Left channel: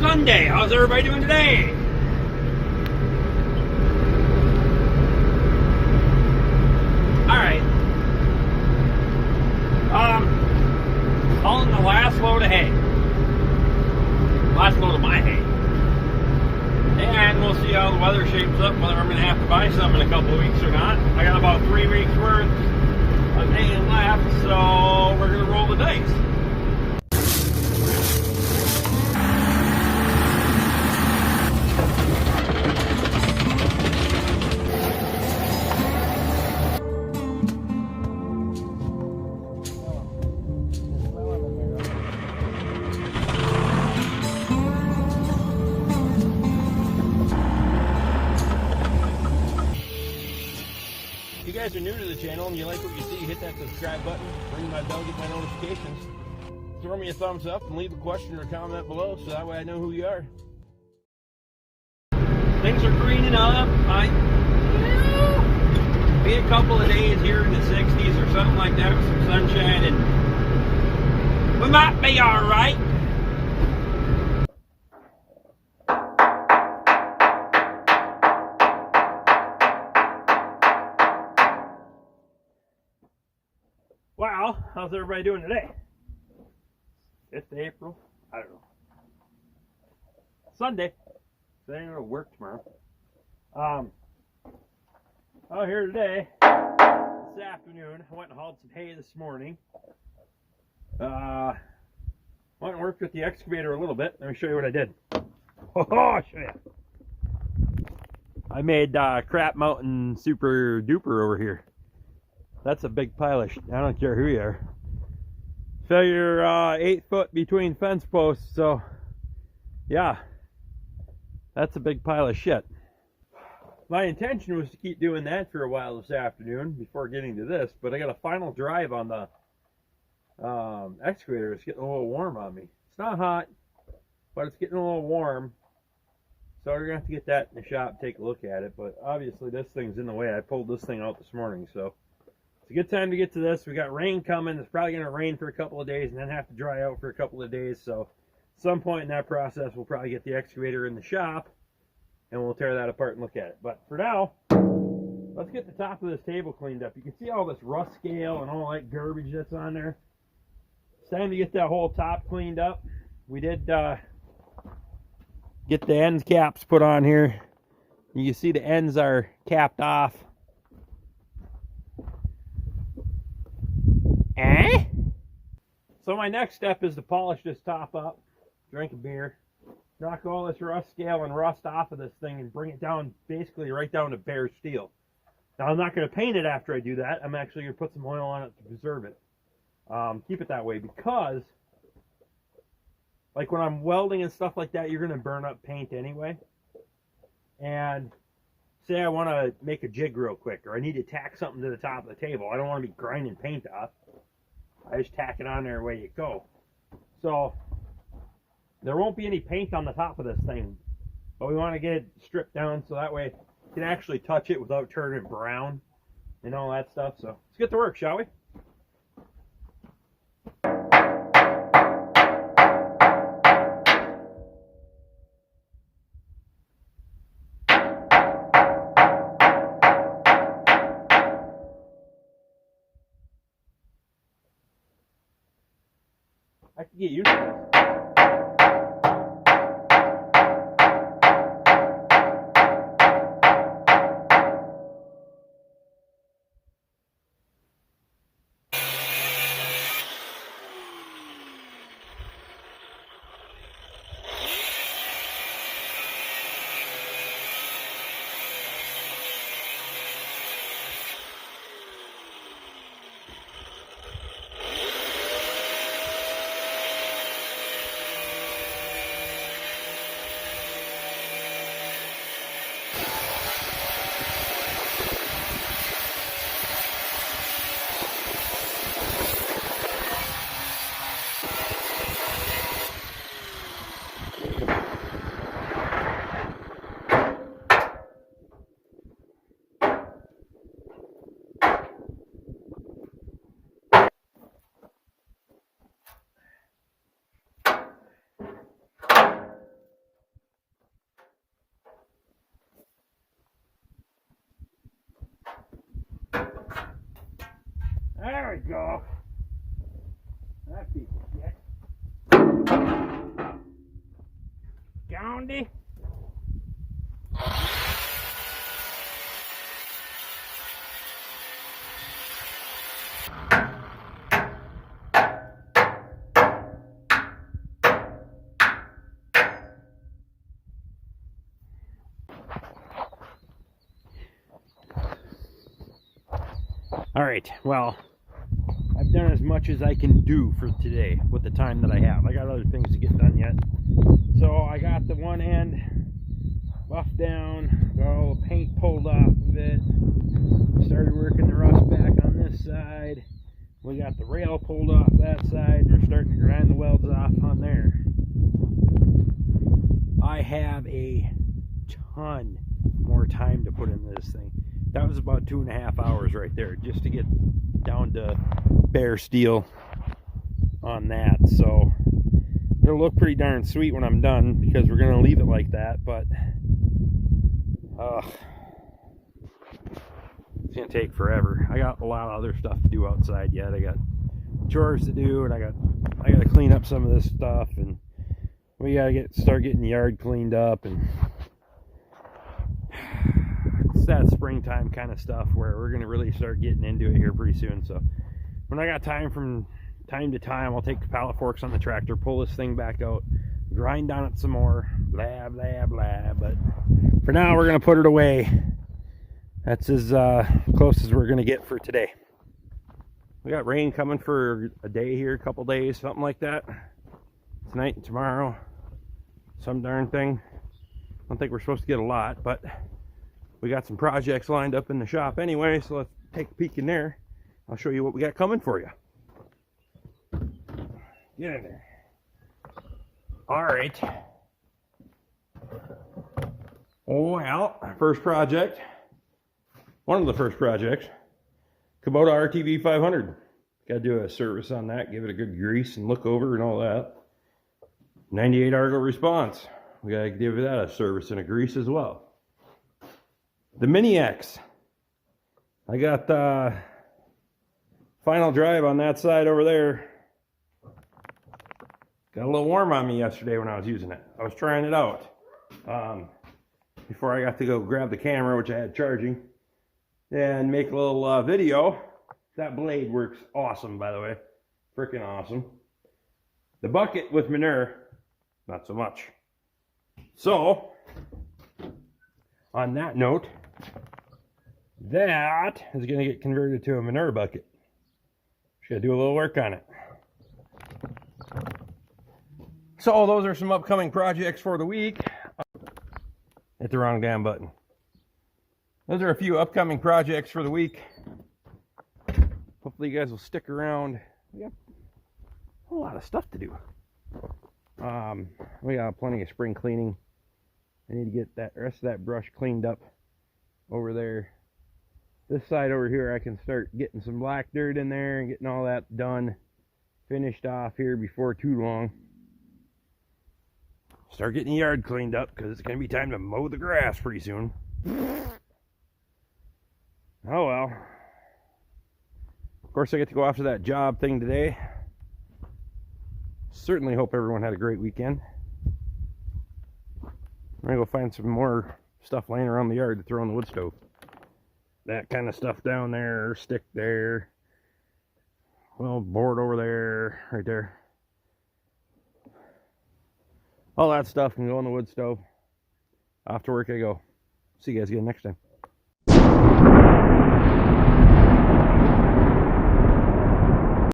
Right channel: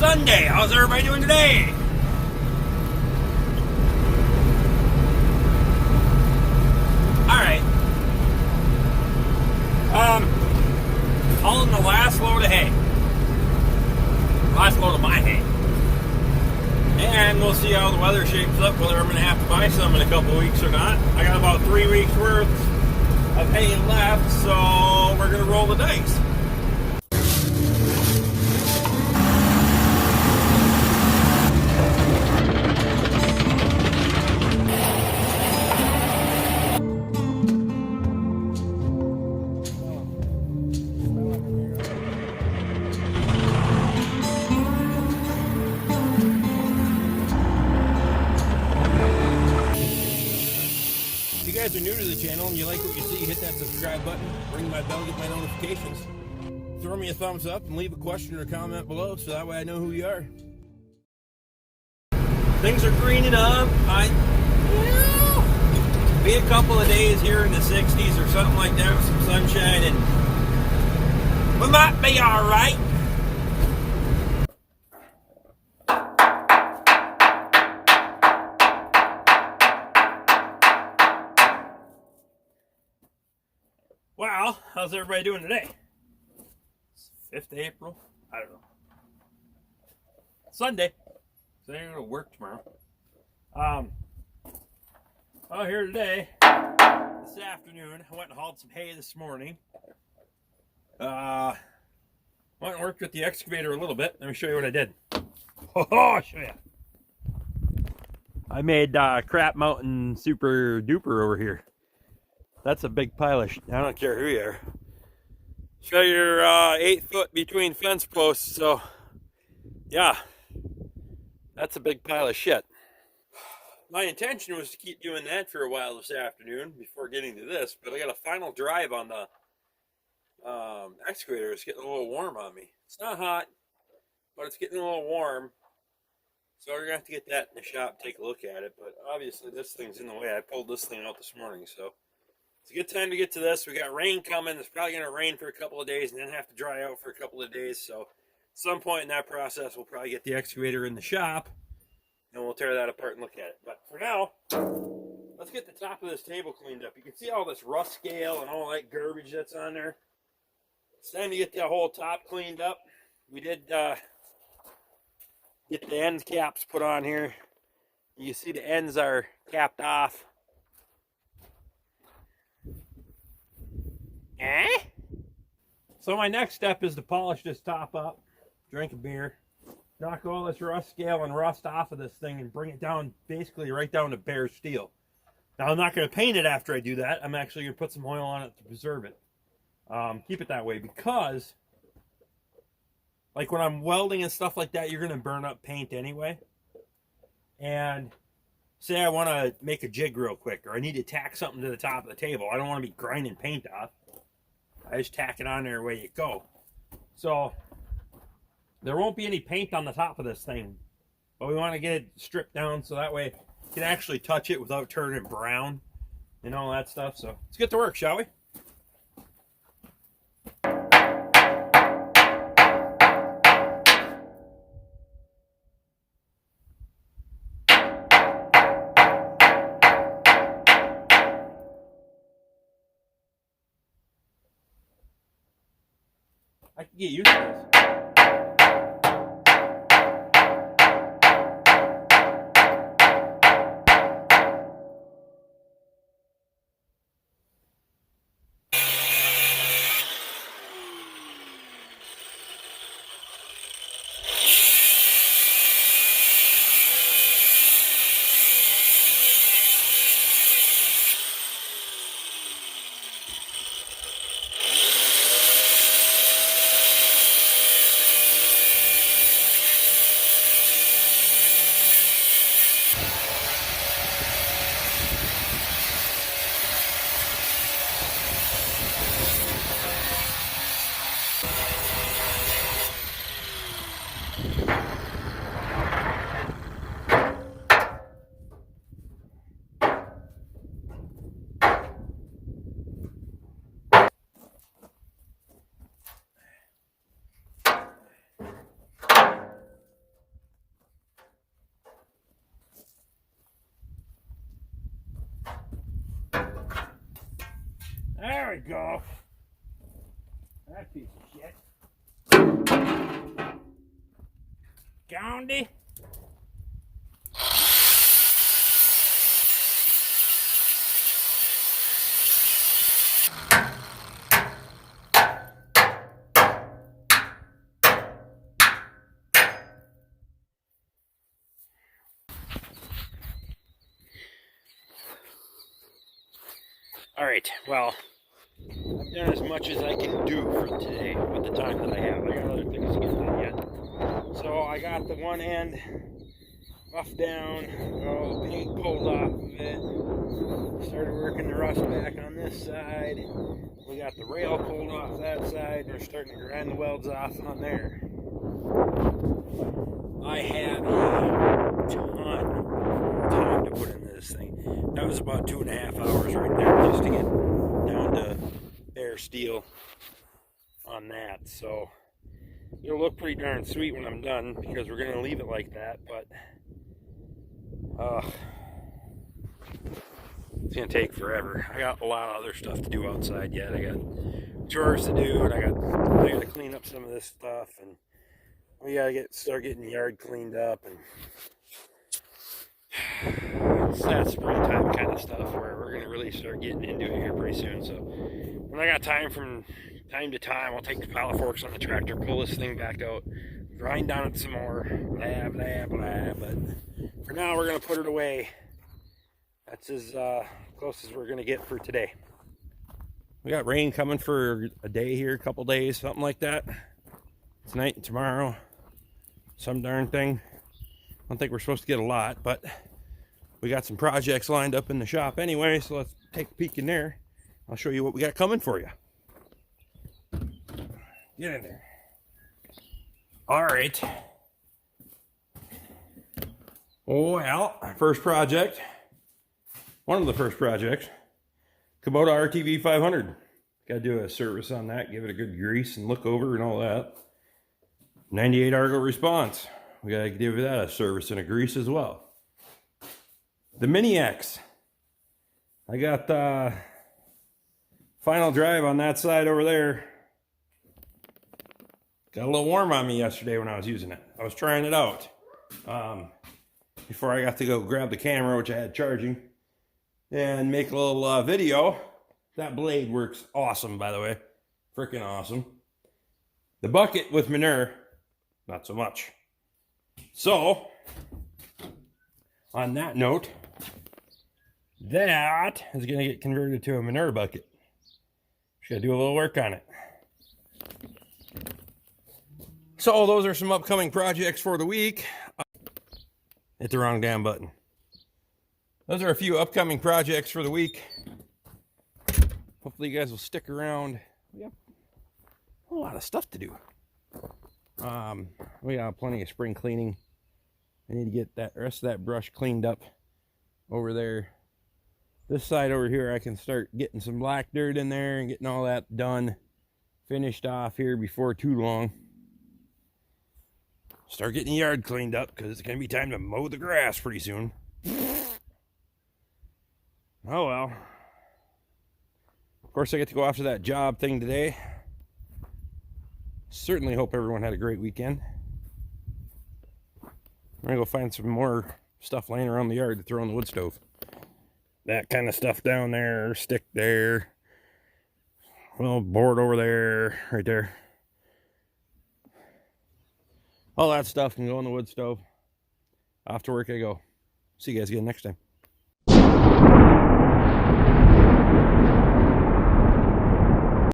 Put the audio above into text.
Sunday. How's everybody doing today? Alright. Hauling the last load of hay. Last load of my hay. And we'll see how the weather shapes up, whether I'm going to have to buy some in a couple weeks or not. I got about 3 weeks worth of hay left, so we're going to roll the dice. If you guys are new to the channel and you like what you see, hit that subscribe button, ring my bell, get my notifications, throw me a thumbs up, and leave a question or comment below so that way I know who you are. Things are greening up. Be a couple of days here in the 60s or something like that with some sunshine, and we might be all right. Well, how's everybody doing today? 5th of April? I don't know. Sunday. So I'm going to work tomorrow. Out here today, this afternoon, I went and hauled some hay this morning. Went and worked with the excavator a little bit. Let me show you what I did. Oh, I'll show you. I made Crap Mountain Super Duper over here. That's a big pile of I don't care who you are. Show your 8 foot between fence posts, so yeah, that's a big pile of shit. My intention was to keep doing that for a while this afternoon before getting to this, but I got a final drive on the excavator. It's getting a little warm on me. It's not hot, but it's getting a little warm, so we're gonna have to get that in the shop, take a look at it. But obviously this thing's in the way. I pulled this thing out this morning, so it's a good time to get to this. We got rain coming. It's probably going to rain for a couple of days and then have to dry out for a couple of days. So at some point in that process, we'll probably get the excavator in the shop and we'll tear that apart and look at it. But for now, let's get the top of this table cleaned up. You can see all this rust scale and all that garbage that's on there. It's time to get that whole top cleaned up. We did get the end caps put on here. You can see the ends are capped off. So my next step is to polish this top up, drink a beer, knock all this rust scale and rust off of this thing and bring it down, basically right down to bare steel. Now I'm not going to paint it after I do that. I'm actually going to put some oil on it to preserve it. Keep it that way because, like when I'm welding and stuff like that, you're going to burn up paint anyway. And say I want to make a jig real quick, or I need to tack something to the top of the table. I don't want to be grinding paint off. I just tack it on there away you go. So there won't be any paint on the top of this thing, but we want to get it stripped down so that way you can actually touch it without turning brown and all that stuff. So let's get to work, shall we? I can get used to this. There we go. That piece of shit. Goundy. All right, well, I've done as much as I can do for today with the time that I have. I got other things to get done yet. So I got the one end buffed down, got all the paint pulled off of it, started working the rust back on this side. We got the rail pulled off that side, and we're starting to grind the welds off on there. I have a ton more time to put into this thing. That was about 2.5 hours right there just to get down to bare steel on that. So it'll look pretty darn sweet when I'm done, because we're going to leave it like that, but it's going to take forever. I got a lot of other stuff to do outside yet. I got chores to do, and I got to clean up some of this stuff, and we got to start getting the yard cleaned up, and it's that springtime kind of stuff where we're going to really start getting into it here pretty soon. So when I got time, from time to time, I'll take the pallet forks on the tractor, pull this thing back out, grind on it some more, blah, blah, blah. But for now, we're going to put it away. That's as close as we're going to get for today. We got rain coming for a day here, a couple days, something like that. Tonight and tomorrow, some darn thing. I don't think we're supposed to get a lot, but we got some projects lined up in the shop anyway, so let's take a peek in there. I'll show you what we got coming for you. Get in there. All right. Well, first project, one of the first projects, Kubota RTV 500. Got to do a service on that, give it a good grease and look over and all that. 98 Argo response. We got to give that a service and a grease as well. The Mini X. I got the final drive on that side over there. Got a little warm on me yesterday when I was using it. I was trying it out before I got to go grab the camera, which I had charging, and make a little video. That blade works awesome, by the way. Freaking awesome. The bucket with manure, not so much. So, on that note, that is going to get converted to a manure bucket. Just got to do a little work on it. So those are some upcoming projects for the week. Hit the wrong damn button. Those are a few upcoming projects for the week. Hopefully you guys will stick around. We have a lot of stuff to do. We got plenty of spring cleaning. I need to get that rest of that brush cleaned up over there. This side over here, I can start getting some black dirt in there and getting all that done, finished off here before too long. Start getting the yard cleaned up, because it's going to be time to mow the grass pretty soon. Oh well. Of course, I get to go after that job thing today. Certainly hope everyone had a great weekend. I'm going to go find some more stuff laying around the yard to throw on the wood stove. That kind of stuff down there, stick there, little board over there, right there. All that stuff can go on the wood stove. Off to work I go. See you guys again next time.